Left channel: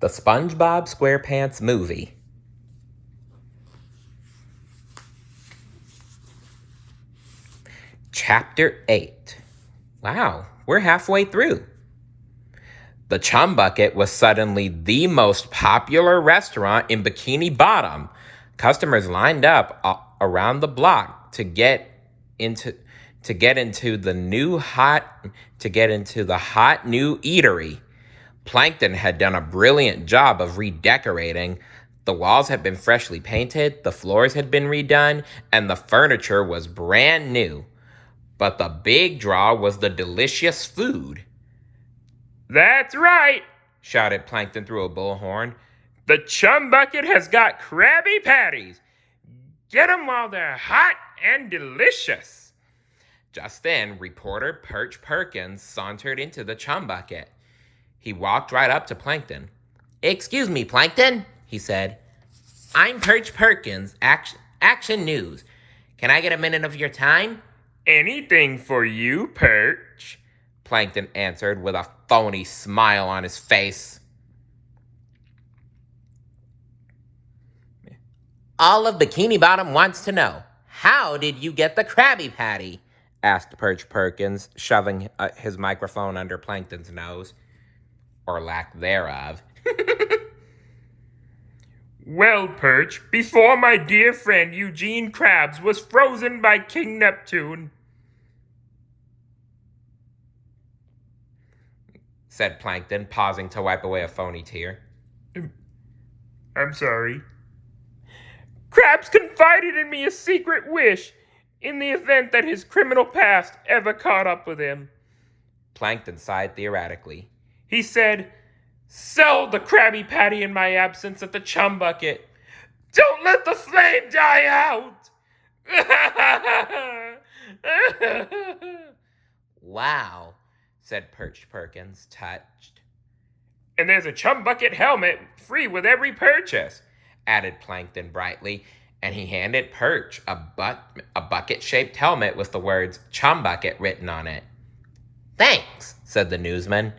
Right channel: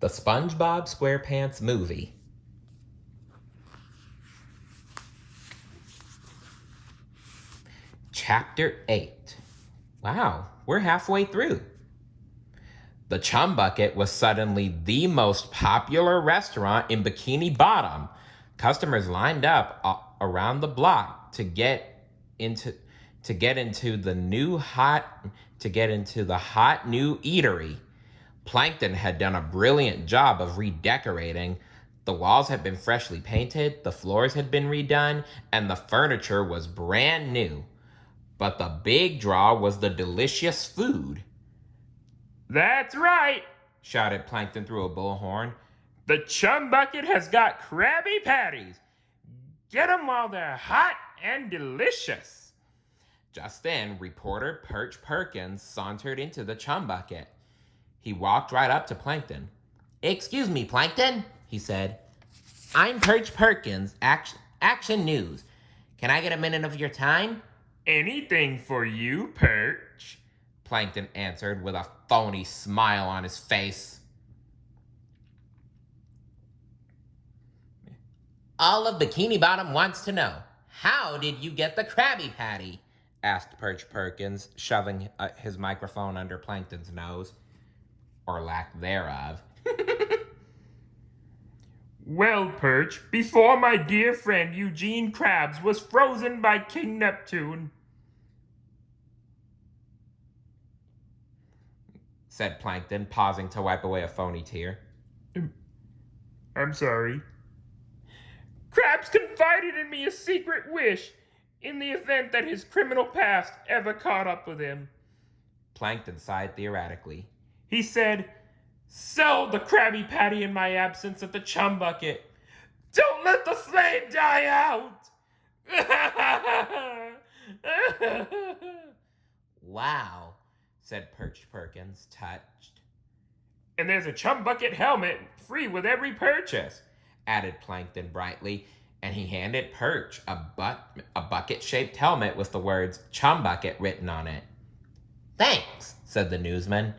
The SpongeBob SquarePants movie. Chapter 8. Wow, we're halfway through. The Chum Bucket was suddenly the most popular restaurant in Bikini Bottom. Customers lined up around the block to get into the hot new eatery. Plankton had done a brilliant job of redecorating. The walls had been freshly painted, the floors had been redone, and the furniture was brand new. But the big draw was the delicious food. "That's right," shouted Plankton through a bullhorn. "The Chum Bucket has got Krabby Patties. Get 'em while they're hot and delicious." Just then, reporter Perch Perkins sauntered into the Chum Bucket. He walked right up to Plankton. "Excuse me, Plankton," he said. "I'm Perch Perkins, Action News. Can I get a minute of your time?" "Anything for you, Perch," Plankton answered with a phony smile on his face. "All of Bikini Bottom wants to know, how did you get the Krabby Patty?" asked Perch Perkins, shoving his microphone under Plankton's nose. Or lack thereof. "Well, Perch, before my dear friend Eugene Krabs was frozen by King Neptune," said Plankton, pausing to wipe away a phony tear. "I'm sorry. Krabs confided in me a secret wish in the event that his criminal past ever caught up with him." Plankton sighed theoretically. "He said, 'Sell the Krabby Patty in my absence at the Chum Bucket. Don't let the flame die out.'" "Wow," said Perch Perkins, touched. "And there's a Chum Bucket helmet free with every purchase," added Plankton brightly, and he handed Perch a bucket-shaped helmet with the words Chum Bucket written on it. "Thanks," said the newsman.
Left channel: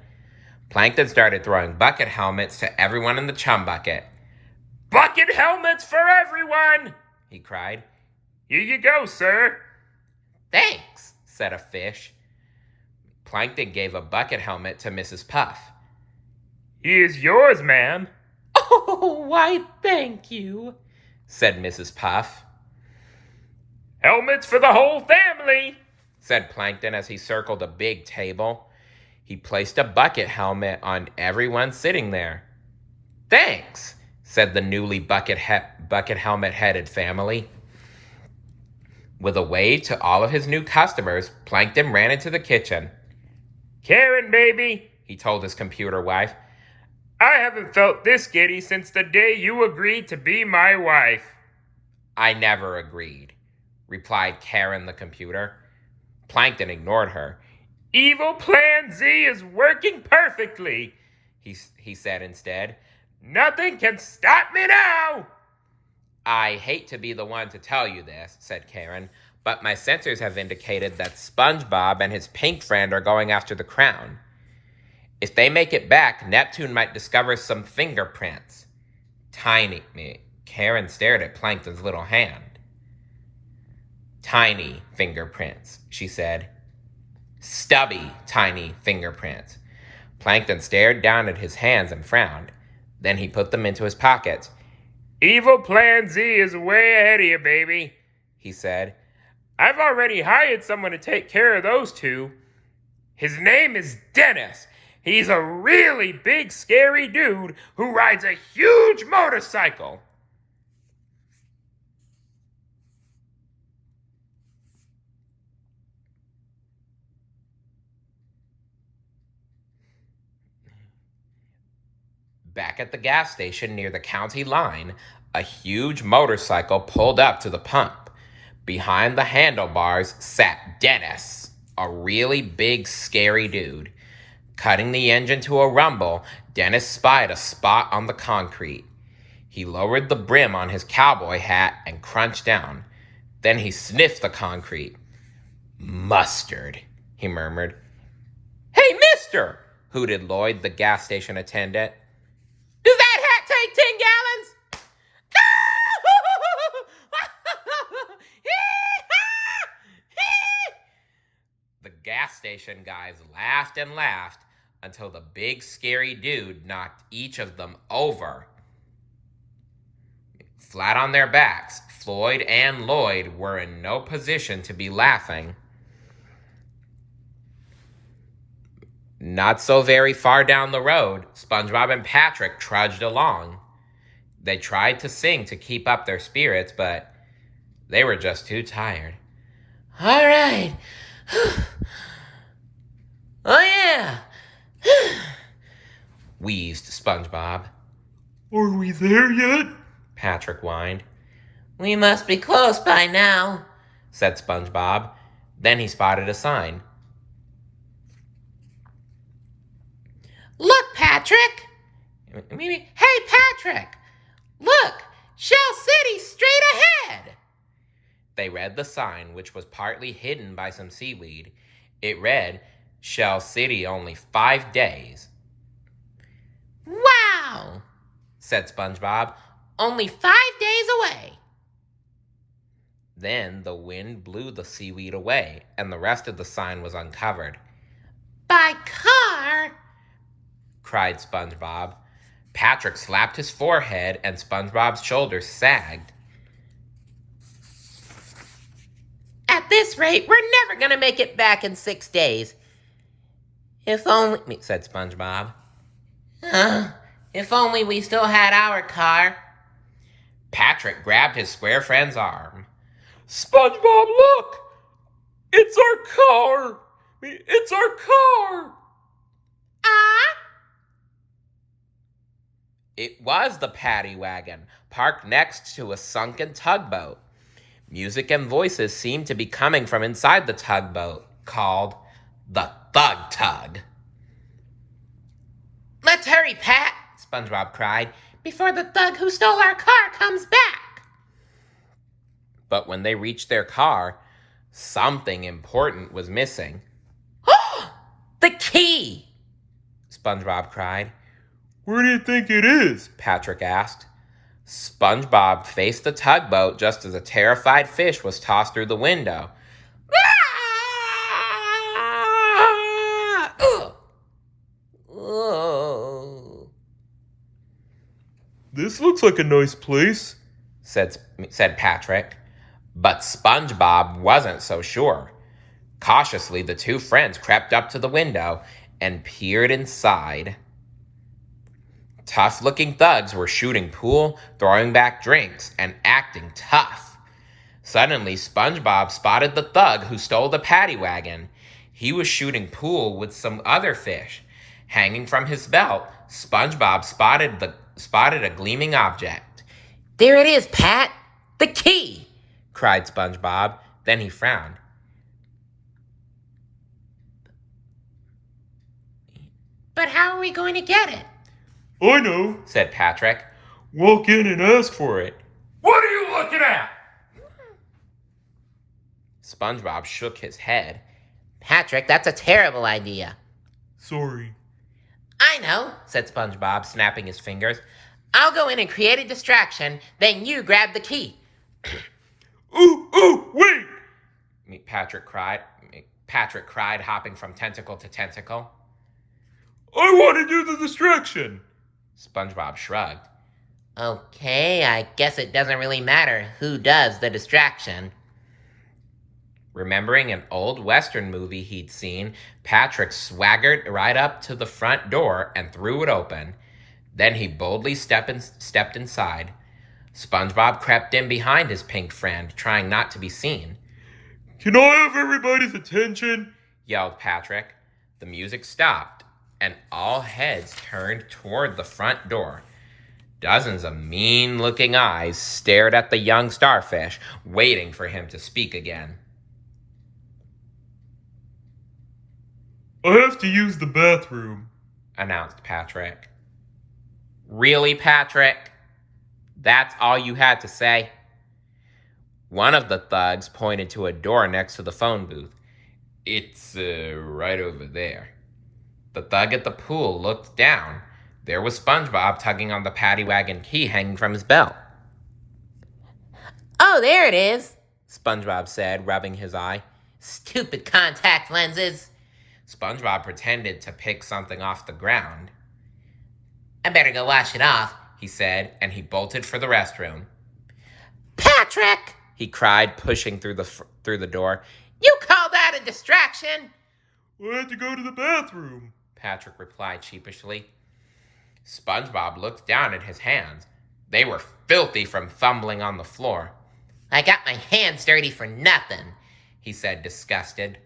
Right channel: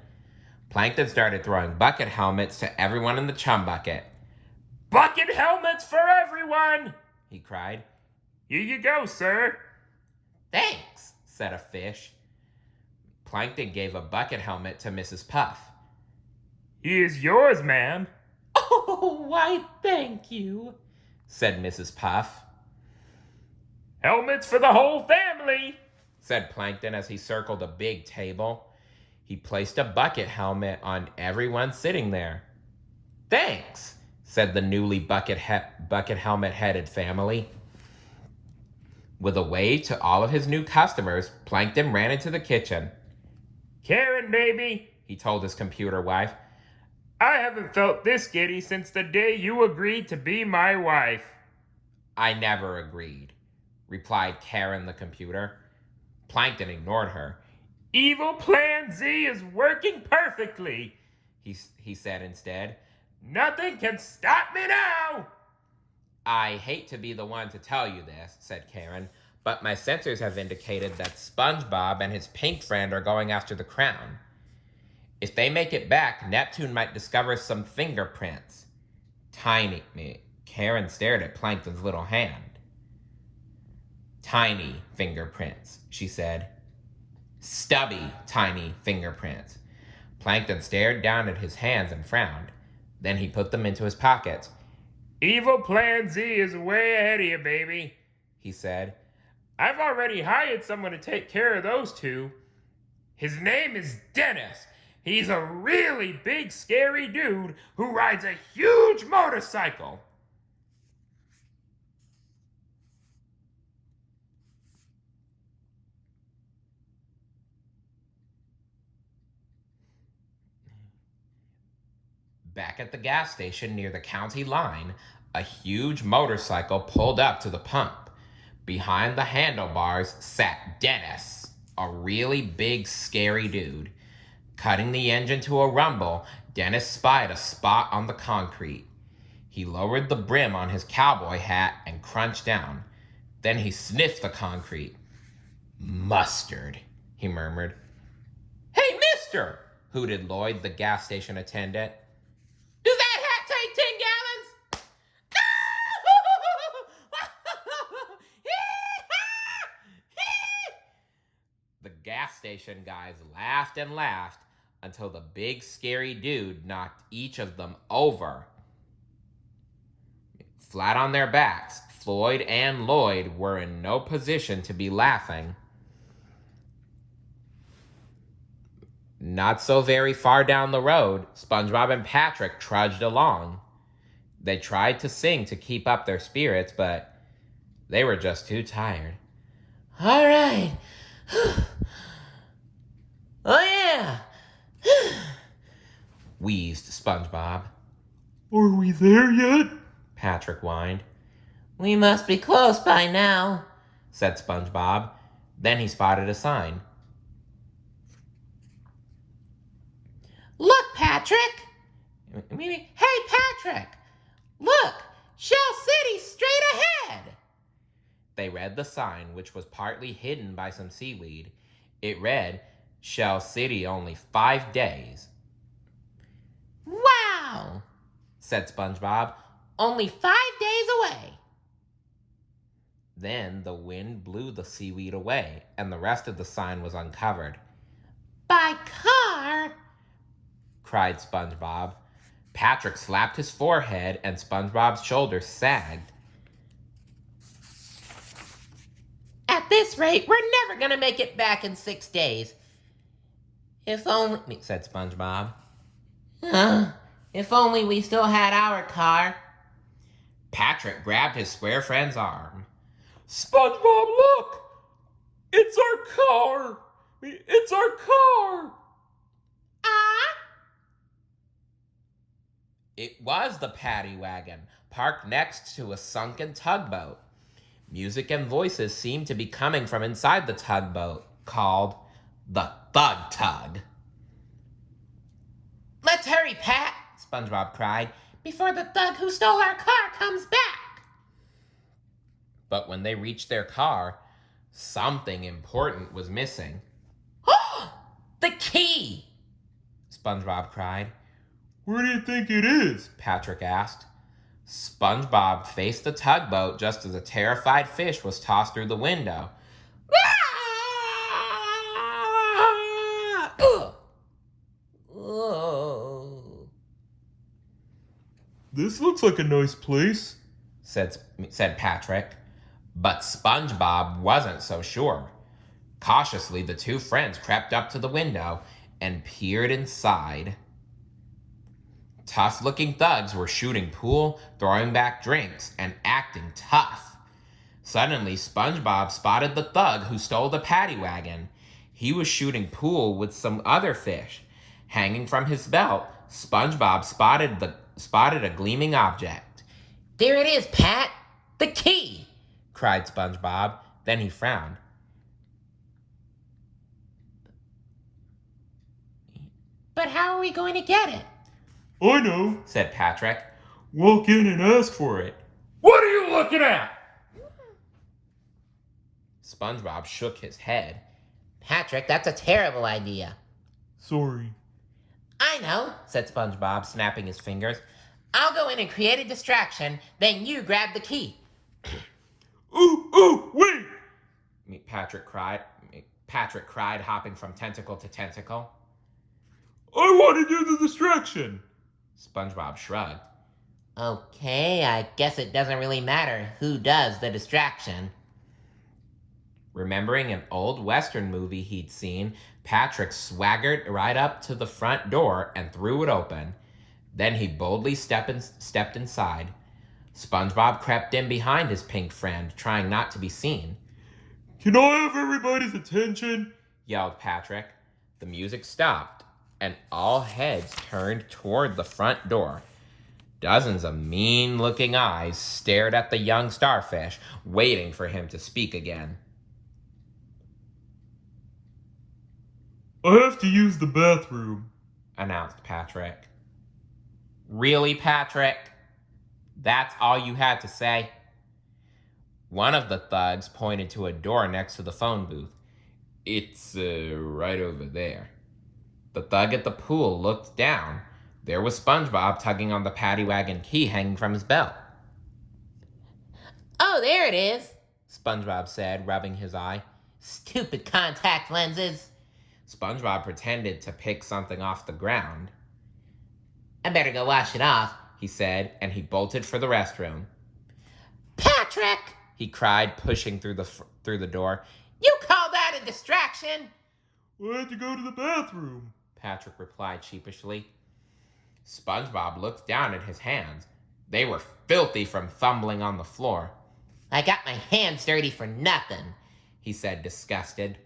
Plankton started throwing bucket helmets to everyone in the Chum Bucket. "Bucket helmets for everyone!" he cried. "Here you go, sir." "Thanks," said a fish. Plankton gave a bucket helmet to Mrs. Puff. "Here's yours, ma'am." "Oh, why, thank you," said Mrs. Puff. "Helmets for the whole family," said Plankton as he circled a big table. He placed a bucket helmet on everyone sitting there. "Thanks," said the newly bucket helmet-headed family. With a wave to all of his new customers, Plankton ran into the kitchen. "Karen, baby," he told his computer wife, "I haven't felt this giddy since the day you agreed to be my wife." "I never agreed," replied Karen the computer. Plankton ignored her. "Evil Plan Z is working perfectly," he said instead. "Nothing can stop me now." "I hate to be the one to tell you this," said Karen, "but my sensors have indicated that SpongeBob and his pink friend are going after the crown. If they make it back, Neptune might discover some fingerprints." Karen stared at Plankton's little hand. "Tiny fingerprints," she said. "Stubby, tiny fingerprints." Plankton stared down at his hands and frowned. Then he put them into his pockets. "Evil Plan Z is way ahead of you, baby," he said. "I've already hired someone to take care of those two. His name is Dennis. He's a really big, scary dude who rides a huge motorcycle." Back at the gas station near the county line, a huge motorcycle pulled up to the pump. Behind the handlebars sat Dennis, a really big, scary dude. Cutting the engine to a rumble, Dennis spied a spot on the concrete. He lowered the brim on his cowboy hat and crunched down. Then he sniffed the concrete. "Mustard," he murmured. "Hey, mister!" hooted Lloyd, the gas station attendant. "Does gas station guys laughed and laughed until the big scary dude knocked each of them over. Flat on their backs, Floyd and Lloyd were in no position to be laughing. Not so very far down the road, SpongeBob and Patrick trudged along. They tried to sing to keep up their spirits, but they were just too tired. All right. Oh, yeah. Wheezed SpongeBob. Are we there yet? Patrick whined. We must be close by now, said SpongeBob. Then he spotted a sign. Look, Patrick! Hey, Patrick! Look! Shell City straight ahead! They read the sign, which was partly hidden by some seaweed. It read, Shell City only 5 days. Wow! Said SpongeBob. Only 5 days away. Then the wind blew the seaweed away, and the rest of the sign was uncovered. By car! Cried SpongeBob. Patrick slapped his forehead, and SpongeBob's shoulders sagged. At this rate, we're never going to make it back in 6 days. If only, said SpongeBob. If only we still had our car. Patrick grabbed his square friend's arm. SpongeBob, look! It's our car! It's our car! It was the paddy wagon, parked next to a sunken tugboat. Music and voices seemed to be coming from inside the tugboat, called the Thug Tug. Let's hurry, Pat, SpongeBob cried, before the thug who stole our car comes back. But when they reached their car, something important was missing. The key! SpongeBob cried. Where do you think it is? Patrick asked. SpongeBob faced the tugboat just as a terrified fish was tossed through the window. This looks like a nice place, said Patrick. But SpongeBob wasn't so sure. Cautiously, the two friends crept up to the window and peered inside. Tough-looking thugs were shooting pool, throwing back drinks, and acting tough. Suddenly, SpongeBob spotted the thug who stole the paddy wagon. He was shooting pool with some other fish. Hanging from his belt, SpongeBob spotted a gleaming object. There it is, Pat! The key! Cried SpongeBob. Then he frowned. But how are we going to get it? I know, said Patrick. Walk in and ask for it. What are you looking at? SpongeBob shook his head. Patrick, that's a terrible idea. Sorry. I know, said SpongeBob, snapping his fingers. I'll go in and create a distraction, then you grab the key. Ooh, wait! Patrick cried, hopping from tentacle to tentacle. I want to do the distraction. SpongeBob shrugged. Okay, I guess it doesn't really matter who does the distraction. Remembering an old Western movie he'd seen, Patrick swaggered right up to the front door and threw it open. Then he boldly stepped inside. SpongeBob crept in behind his pink friend, trying not to be seen. Can I have everybody's attention? Yelled Patrick. The music stopped, and all heads turned toward the front door. Dozens of mean-looking eyes stared at the young starfish, waiting for him to speak again. I have to use the bathroom, announced Patrick. Really, Patrick? That's all you had to say? One of the thugs pointed to a door next to the phone booth. It's right over there. The thug at the pool looked down. There was SpongeBob tugging on the paddy wagon key hanging from his belt. Oh, there it is, SpongeBob said, rubbing his eye. Stupid contact lenses. SpongeBob pretended to pick something off the ground. I better go wash it off, he said, and he bolted for the restroom. Patrick, he cried, pushing through the door. You call that a distraction? I had to go to the bathroom, Patrick replied sheepishly. SpongeBob looked down at his hands. They were filthy from fumbling on the floor. I got my hands dirty for nothing, he said, disgusted.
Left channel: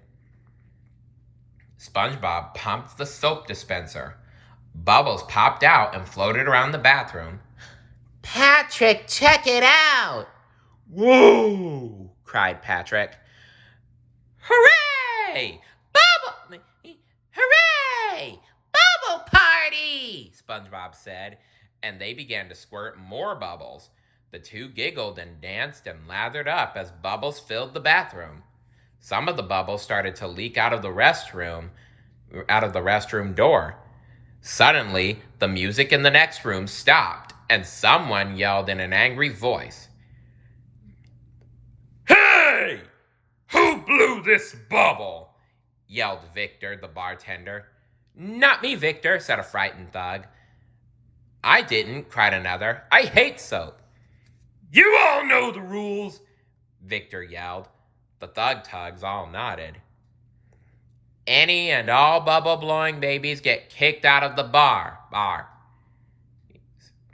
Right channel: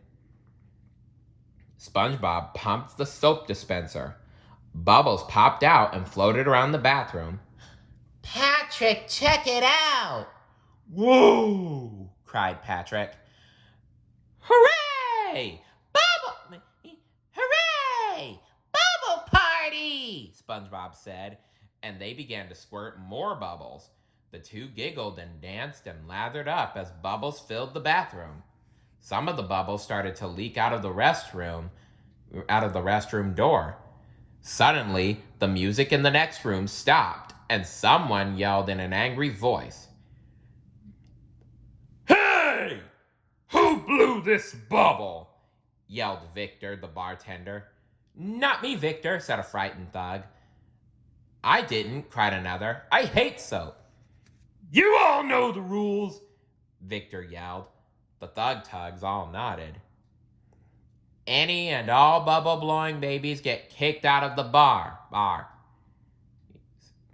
SpongeBob pumped the soap dispenser. Bubbles popped out and floated around the bathroom. Patrick, check it out! Whoa! Cried Patrick. Hooray! Hooray! Bubble party! SpongeBob said, and they began to squirt more bubbles. The two giggled and danced and lathered up as bubbles filled the bathroom. Some of the bubbles started to leak out of the restroom door. Suddenly, the music in the next room stopped, and someone yelled in an angry voice. Hey! Who blew this bubble? Yelled Victor, the bartender. Not me, Victor, said a frightened thug. I didn't, cried another. I hate soap. You all know the rules, Victor yelled. The thug-tugs all nodded. Any and all bubble-blowing babies get kicked out of the bar,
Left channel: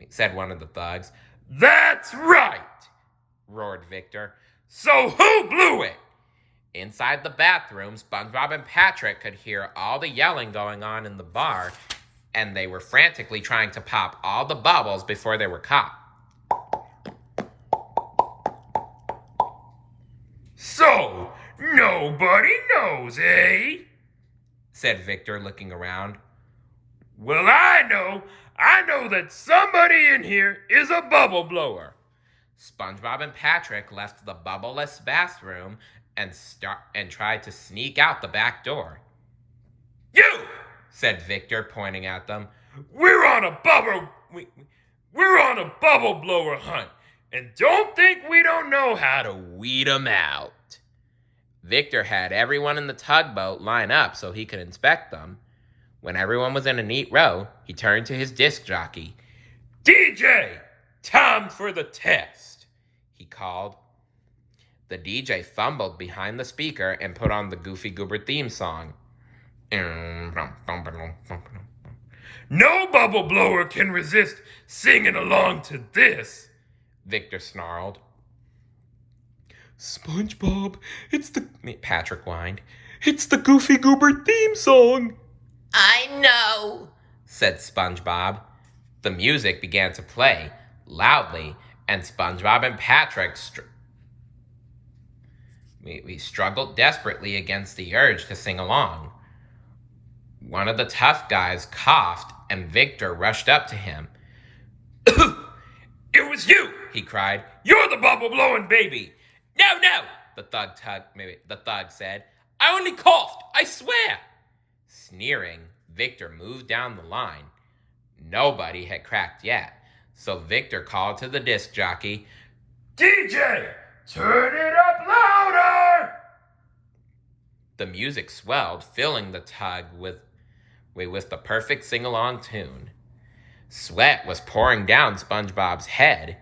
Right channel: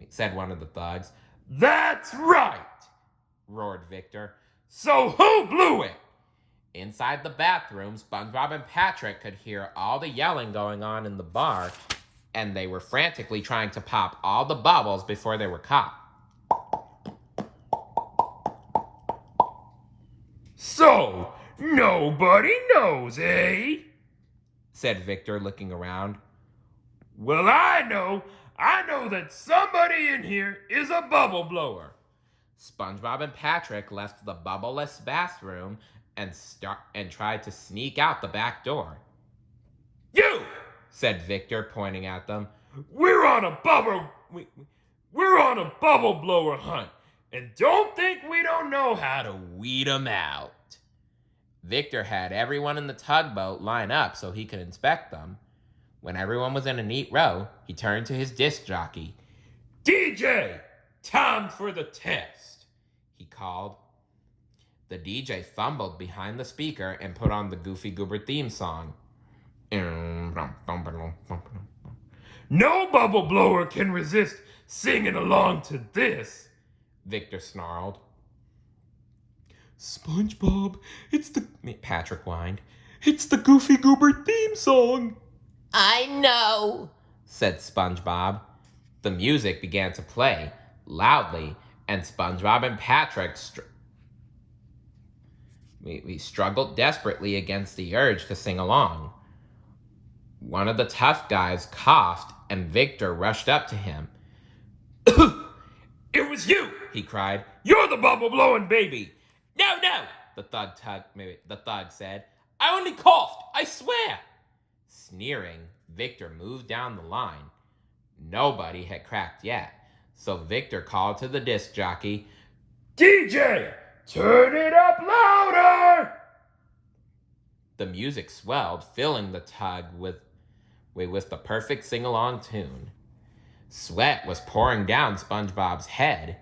said one of the thugs. That's right, roared Victor. So who blew it? Inside the bathroom, SpongeBob and Patrick could hear all the yelling going on in the bar, and they were frantically trying to pop all the bubbles before they were caught. So, nobody knows, eh? Said Victor, looking around. Well, I know that somebody in here is a bubble blower. SpongeBob and Patrick left the bubbleless bathroom and tried to sneak out the back door. You, said Victor, pointing at them. We're on a bubble blower hunt, and don't think we don't know how to weed 'em out. Victor had everyone in the tugboat line up so he could inspect them. When everyone was in a neat row, he turned to his disc jockey. DJ, time for the test, he called. The DJ fumbled behind the speaker and put on the Goofy Goober theme song. No bubble blower can resist singing along to this, Victor snarled. SpongeBob, Patrick whined. It's the Goofy Goober theme song. I know, said SpongeBob. The music began to play loudly, and SpongeBob and Patrick we struggled desperately against the urge to sing along. One of the tough guys coughed, and Victor rushed up to him. It was you, he cried. You're the bubble-blowing baby. No, the thug said. I only coughed, I swear. Sneering, Victor moved down the line. Nobody had cracked yet, so Victor called to the disc jockey. DJ, turn it up louder! The music swelled, filling the tug with the perfect sing-along tune. Sweat was pouring down SpongeBob's head.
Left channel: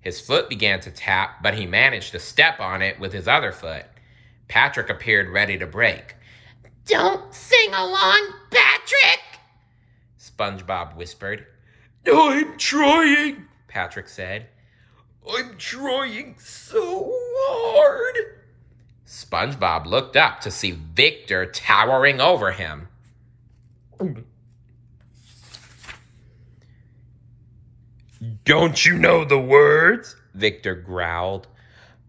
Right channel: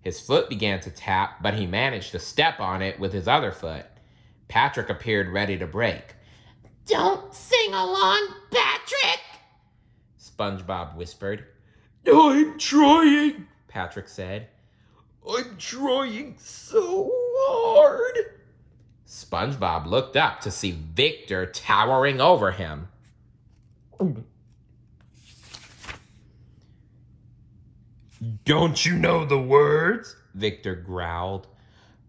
His foot began to tap, but he managed to step on it with his other foot. Patrick appeared ready to break. Don't sing along, Patrick, SpongeBob whispered. I'm trying, Patrick said. I'm trying so hard. SpongeBob looked up to see Victor towering over him. Don't you know the words? Victor growled.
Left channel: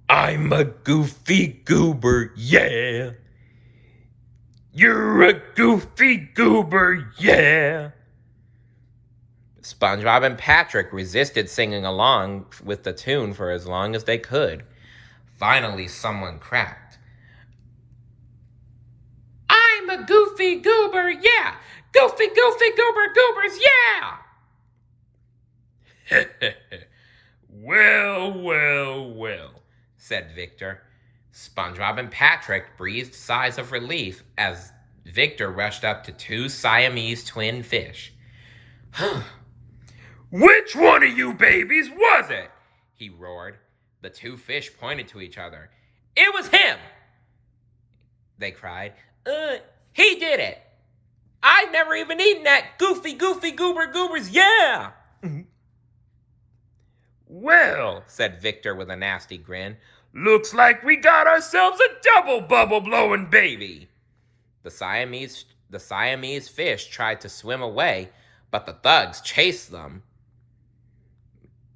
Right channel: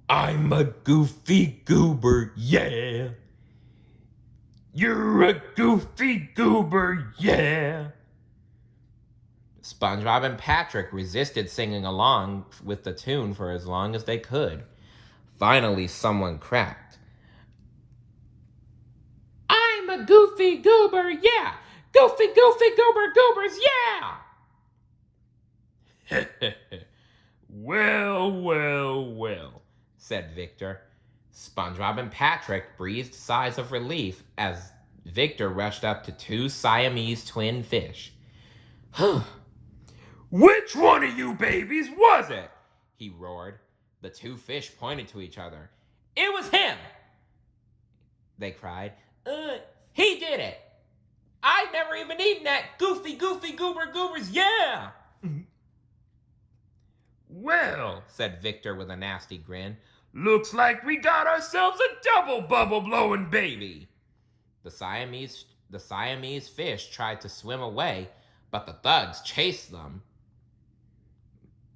I'm a goofy goober, yeah. You're a goofy goober, yeah. SpongeBob and Patrick resisted singing along with the tune for as long as they could. Finally, someone cracked. I'm a goofy goober, yeah! Goofy, goofy, goober, goobers, yeah! Well, said Victor. SpongeBob and Patrick breathed sighs of relief as Victor rushed up to two Siamese twin fish. Which one of you babies was it? He roared. The two fish pointed to each other. It was him! They cried. He did it! I've never even eaten that goofy goobers, yeah! Well, said Victor with a nasty grin, looks like we got ourselves a double bubble-blowing baby. The Siamese fish tried to swim away, but the thugs chased them.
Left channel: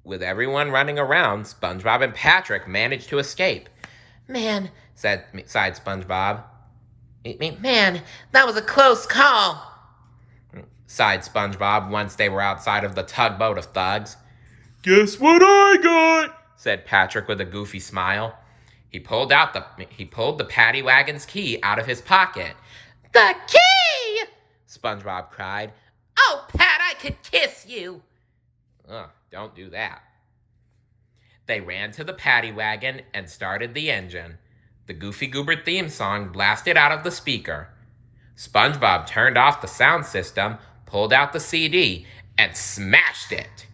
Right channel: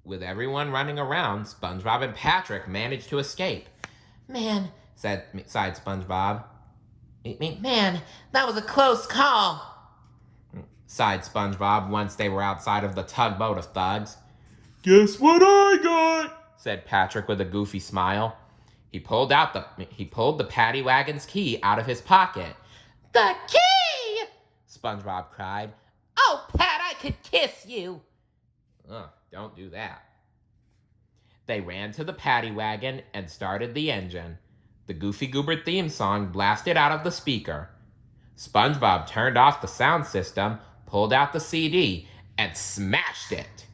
With everyone running around, SpongeBob and Patrick managed to escape. Man, sighed SpongeBob. Man, that was a close call, sighed SpongeBob once they were outside of the tugboat of thugs. Guess what I got? Said Patrick with a goofy smile. He pulled the paddy wagon's key out of his pocket. The key! SpongeBob cried. Oh, Pat, I could kiss you. Don't do that. They ran to the paddy wagon and started the engine. The Goofy Goober theme song blasted out of the speaker. SpongeBob turned off the sound system, pulled out the CD, and smashed it.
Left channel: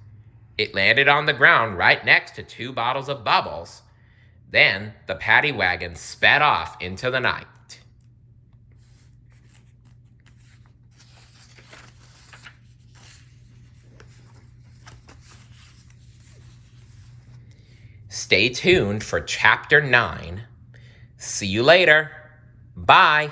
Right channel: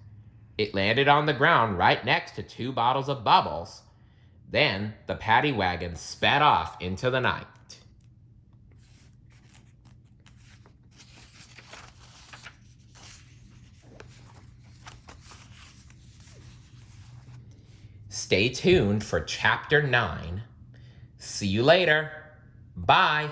It landed on the ground right next to two bottles of bubbles. Then the paddy wagon sped off into the night. Stay tuned for Chapter 9. See you later. Bye.